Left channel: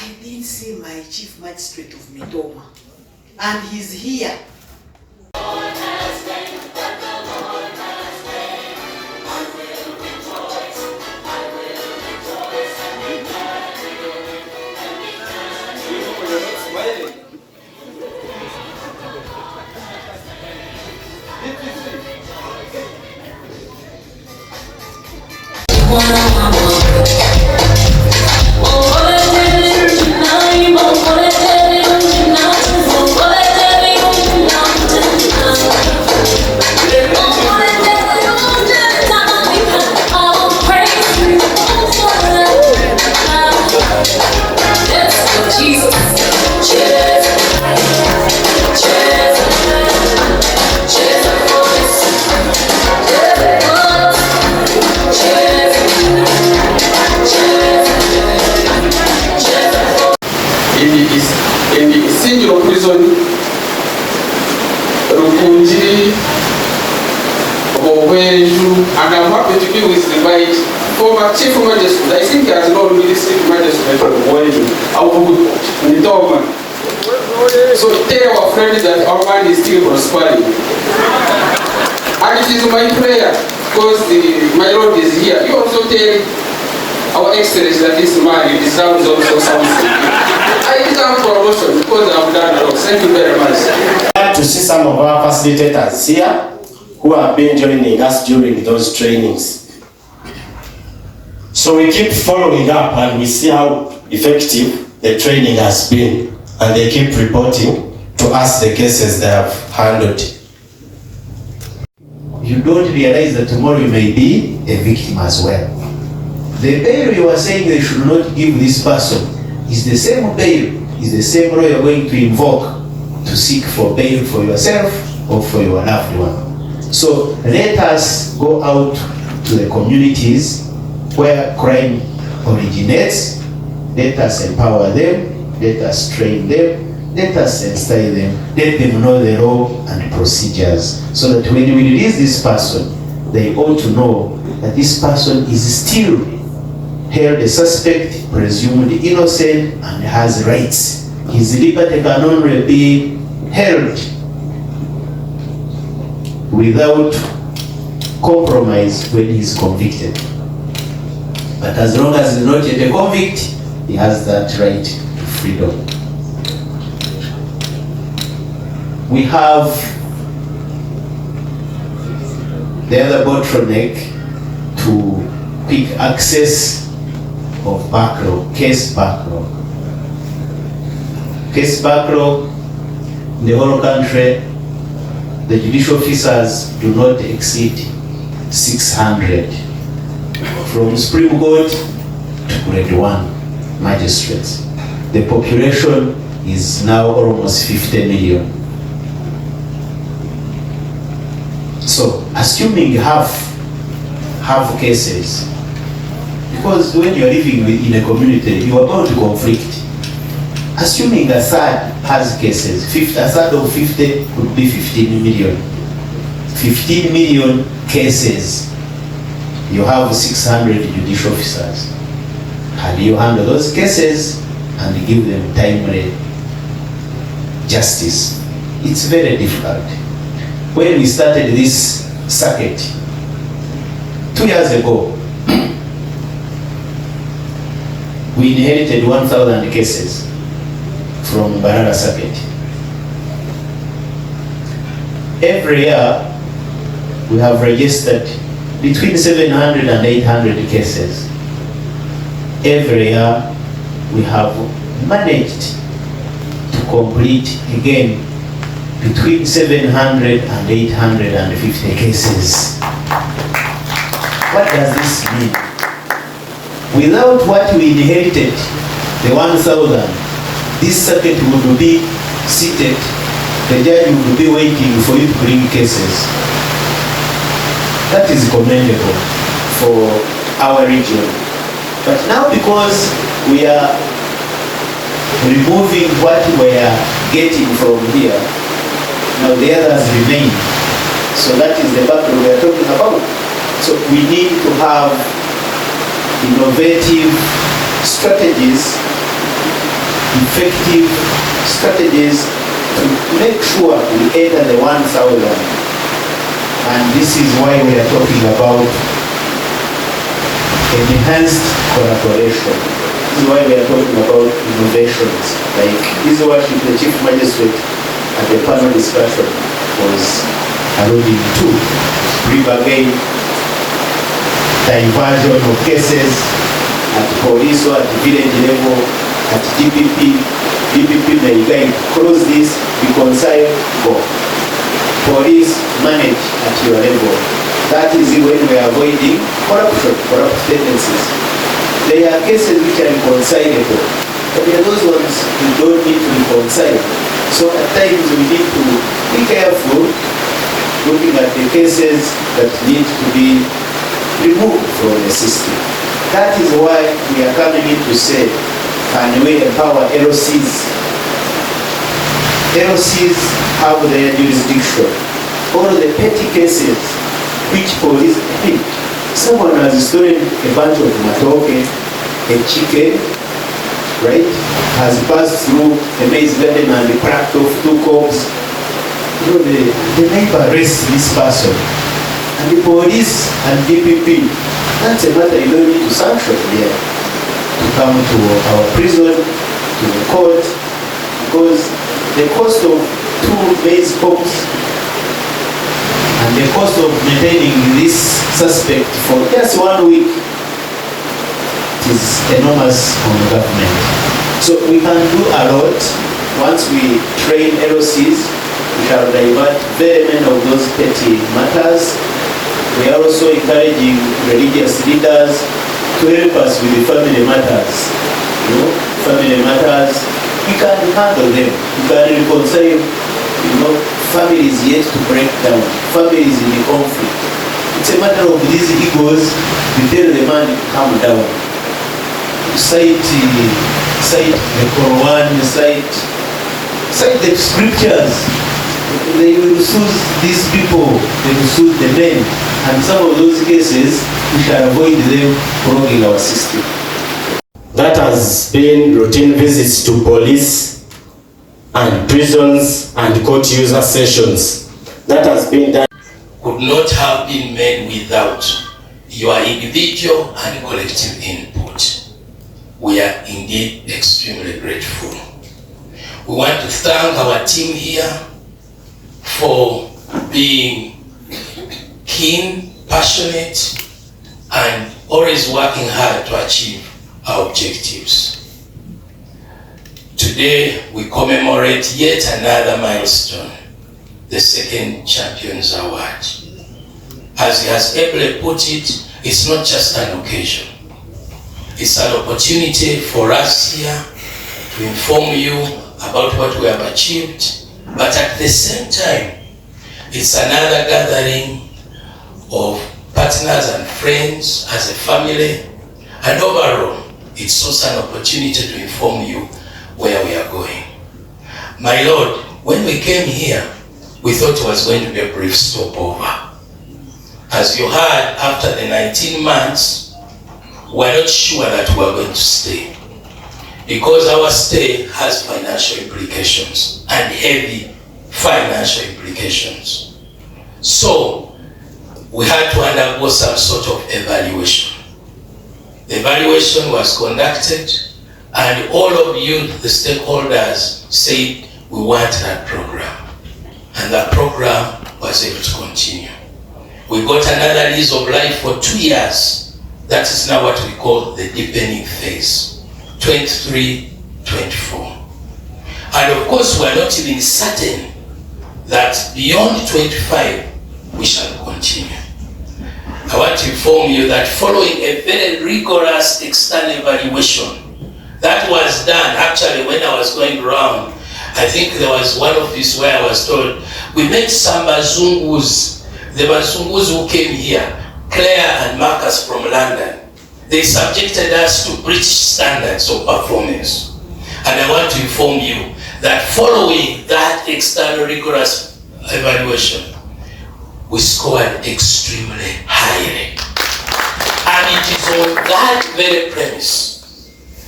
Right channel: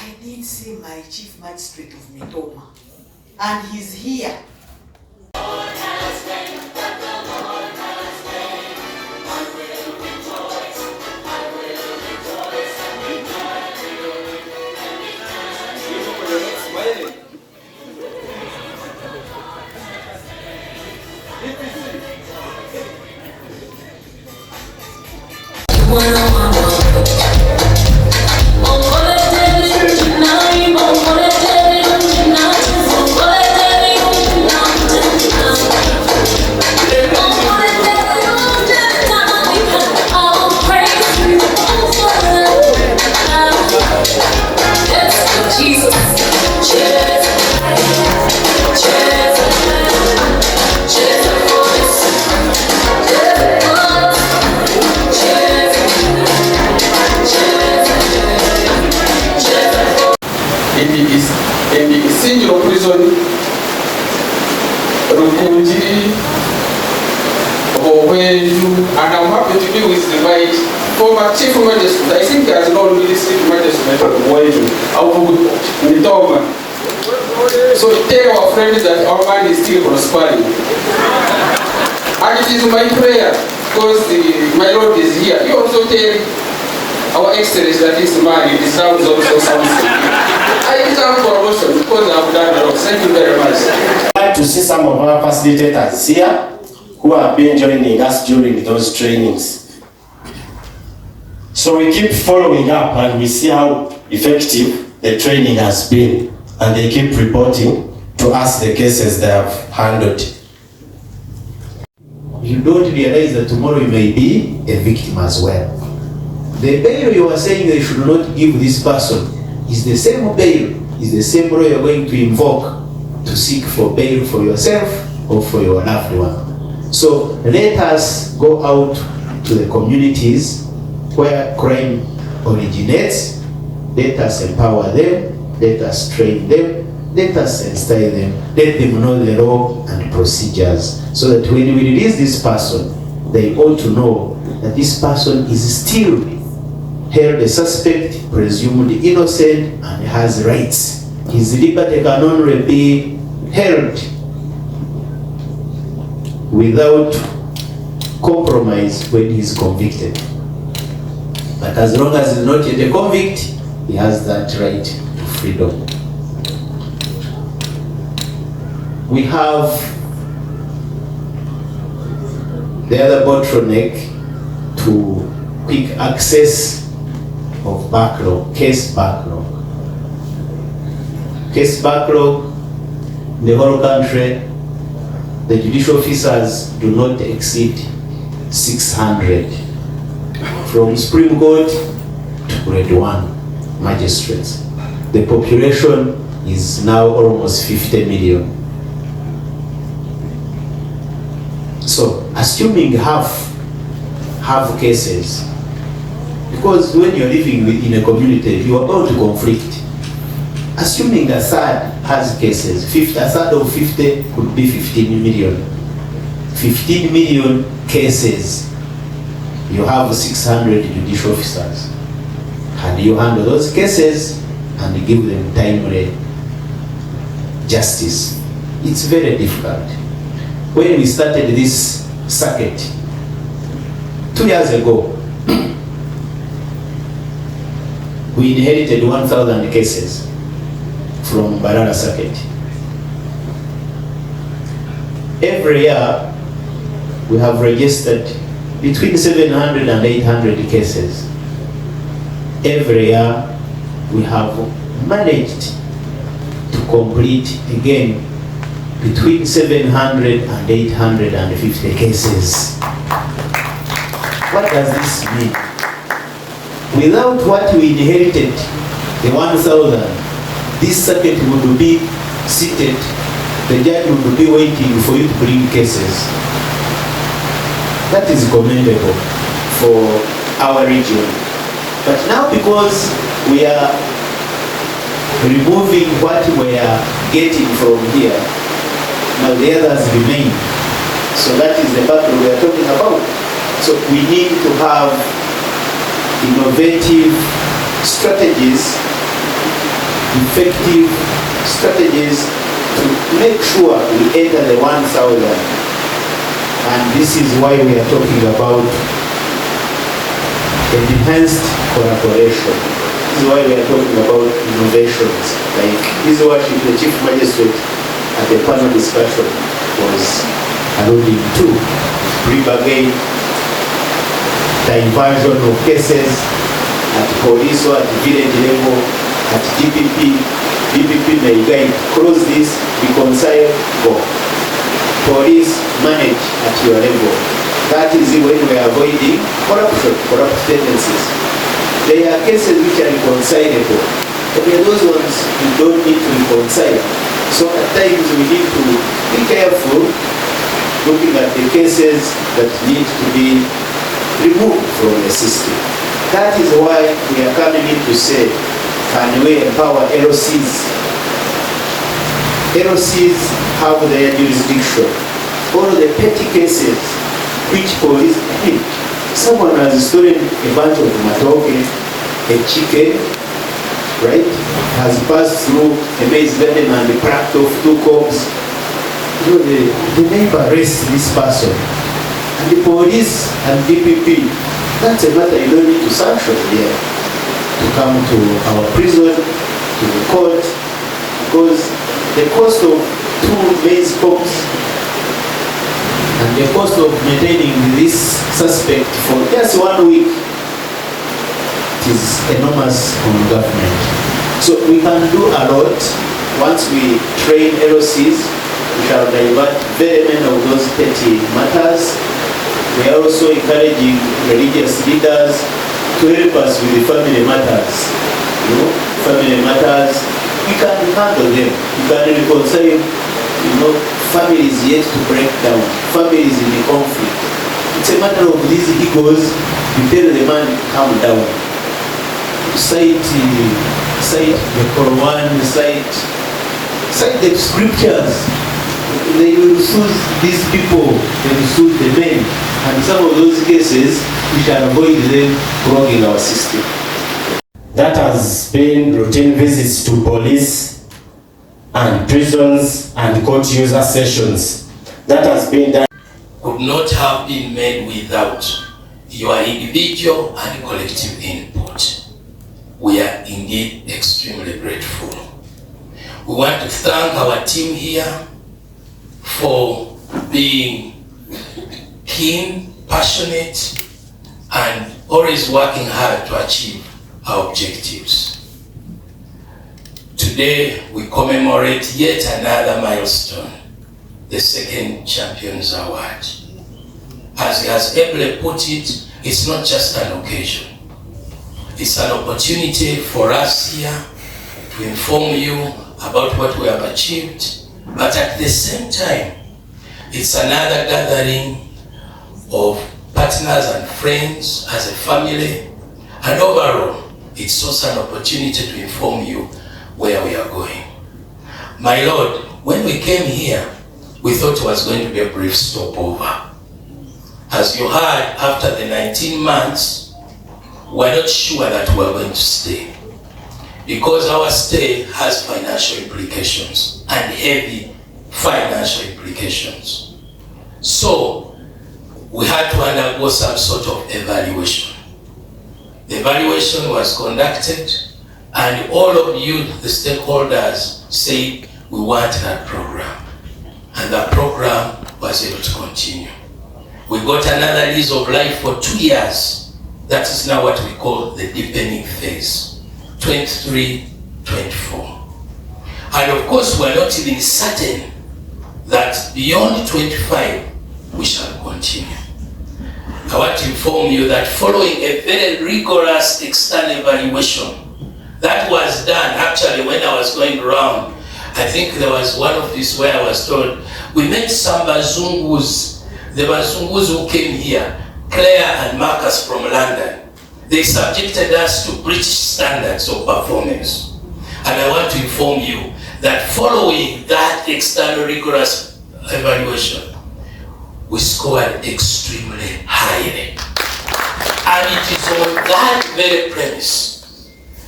I did see my chief magistrate of Mitoma, and he's here. And I'm happy to be with my former chief magistrate. I think he has not really chief magistrate of the world. So tell our friends that our mind is still prospering. And it is my prayer, because my Lord is here. You also tell our Excellency that this man deserves also something. I think I'm for also because I've done a lot. Thank you very much. I'd like to see some of our facilitators here who have been joining us during those trainings. So we keep following up and we see how effective the training has been, and they keep reporting to us the cases they have handled. You don't realize that tomorrow you may be a victim as well. The bail you are saying they should not give this person is the same bail, is the same law you're going to invoke to seek for bail for yourself or for your loved one. So let us go out to the communities where crime originates. Let us empower them, let us train them, let us instill them, let them know the law and procedures, so that when we release this person, they ought to know that this person is still held a suspect, presumed innocent, and has rights. His liberty can only be held without compromise when he is convicted. But as long as he is not yet a convict, he has that right to freedom. We have the other bottleneck to quick access of backlog, case backlog. Case backlog in the whole country, the judicial officers do not exceed 600, from Supreme Court to Grade 1 magistrates. The population is now almost 50 million. So, assuming half cases, because when you're living in a community, you are bound to conflict. Assuming a third has cases, a third of 50 could be 15 million. 15 million cases, you have 600 judicial officers. How do you handle those cases and give them timely justice? It's very difficult. When we started this circuit 2 years ago, we inherited 1,000 cases from Barara circuit. Every year, we have registered between 700 and 800 cases. Every year, we have managed to complete again between 700 and 850 cases. What does this mean? Without what we inherited, the 1,000, this circuit would be seated, the judge would be waiting for you to bring cases. That is commendable for our region. But now, because we are removing what we are getting from here, now the others remain. So that is the battle we are talking about. So we need to have innovative strategies effective strategies to make sure we enter the 1,000. And this is why we are talking about enhanced collaboration. This is why we are talking about innovations. Like this is what the Chief Magistrate at the panel discussion was alluding to. Bring again diversion of cases at police or at village level, at DPP. DPP may guide, close this, reconcile, go. Police manage at your level. That is when we are avoiding corruption, corrupt tendencies. There are cases which are reconcilable, but there are those ones you don't need to reconcile. So at times we need to be careful looking at the cases that need to be removed from the system. That is why we are coming in to say, can we empower LOCs? LOCs have their jurisdiction. All the petty cases which police need. Someone has stolen a bunch of matoke, a chicken, right? Has passed through a maize garden and cracked off 2 cobs. You know, the neighbor arrests this person. And the police and DPP, that's a matter you don't need to sanction here. To come to our prison, to the court, because the cost of 2 maize cobs and the cost of maintaining this suspect for just 1 week is enormous on the government. So we can do a lot once we train LOCs. We can divert very many of those petty matters. We are also encouraging religious leaders to help us with the family matters. You know, family matters, we can handle them. We can reconcile, you know, families yet to break down, families in the conflict. It's a matter of these egos. You tell the man, calm down. Cite the Quran, cite the scriptures. They will soothe these people, they will soothe the men. And some of those cases, we shall avoid them wronging our system. That has been routine visits to police and prisons and court user sessions. That has been done. Could not have been made without your individual and collective input. We are indeed extremely grateful. We want to thank our team here for being keen, passionate, and always working hard to achieve our objectives. Today, we commemorate yet another milestone, the second Champions Award. As he has ably put it, it's not just an occasion. It's an opportunity for us here to inform you about what we have achieved, but at the same time, it's another gathering of partners and friends as a family, and overall, it's also an opportunity to inform you where we are going. My Lord, when we came here, we thought it was going to be a brief stopover. As you heard, after the 19 months, we're not sure that we're going to stay, because our stay has financial implications and heavy financial implications. So we had to undergo some sort of evaluation. The evaluation was conducted, and all of you, the stakeholders, said we want that program, and that program was able to continue. We got another lease of life for 2 years. That is now what we call the deepening phase, 23-24. And of course, we are not even certain that beyond 25, we shall continue. I want to inform you that following a very rigorous external evaluation that was done, actually when I was going around, I think there was one office where I was told, we met some Bazungus, the Bazungus who came here, Claire and Marcus from London. They subjected us to British standards of performance. And I want to inform you that following that external rigorous evaluation, we scored extremely highly. And it is on that very premise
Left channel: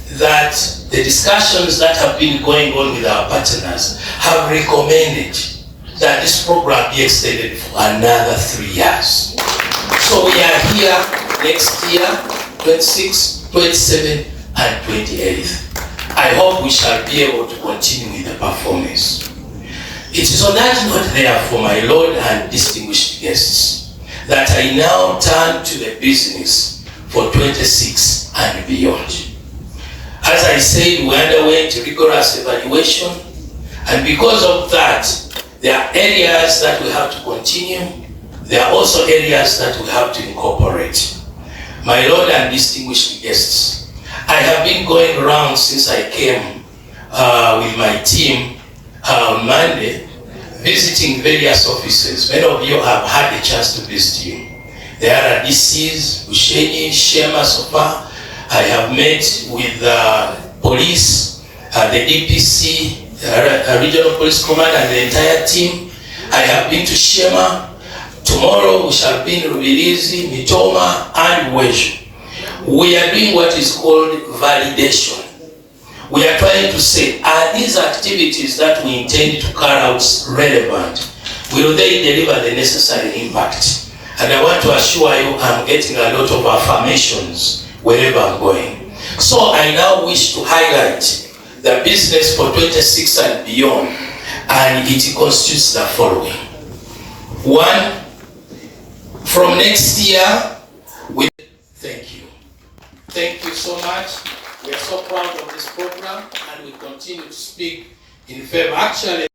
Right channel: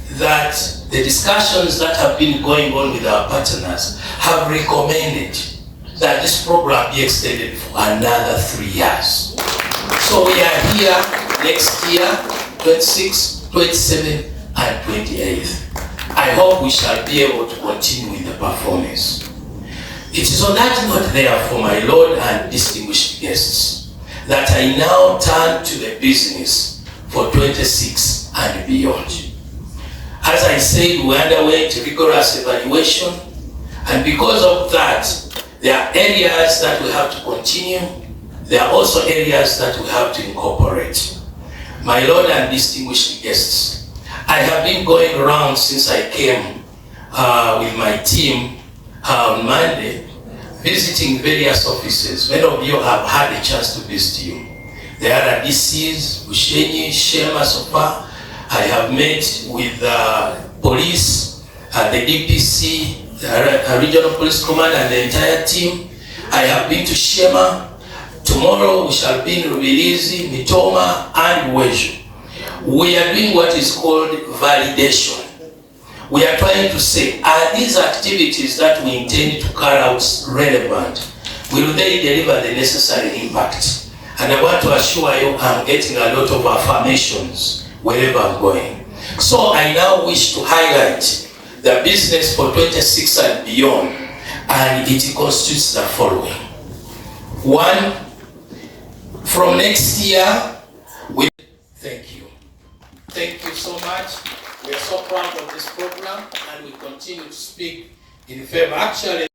that the discussions that have been going on with our partners have recommended that this program be extended for another 3 years. So we are here next year, 26, 27, and 28. I hope we shall be able to continue with the performance. It is on that note, therefore, my Lord and distinguished guests, that I now turn to the business for 26 and beyond. As I said, we underwent rigorous evaluation, and because of that, there are areas that we have to continue. There are also areas that we have to incorporate. My Lord and distinguished guests, I have been going around since I came with my team on Monday, visiting various offices. Many of you have had a chance to visit you. There are DCs, Bushenyi, Shema so far. I have met with police, the DPC, the regional police command and the entire team. I have been to Shema. Tomorrow we shall be in Rubirizi, Mitoma, and Weju. We are doing what is called validation. We are trying to say, are these activities that we intend to carry out relevant? Will they deliver the necessary impact? And I want to assure you, I'm getting a lot of affirmations wherever I'm going. So I now wish to highlight the business for 26 and beyond, and it constitutes the following. 1, from next year, thank you. Thank you so much. We are so proud of this program, and we continue to speak in favor. Actually,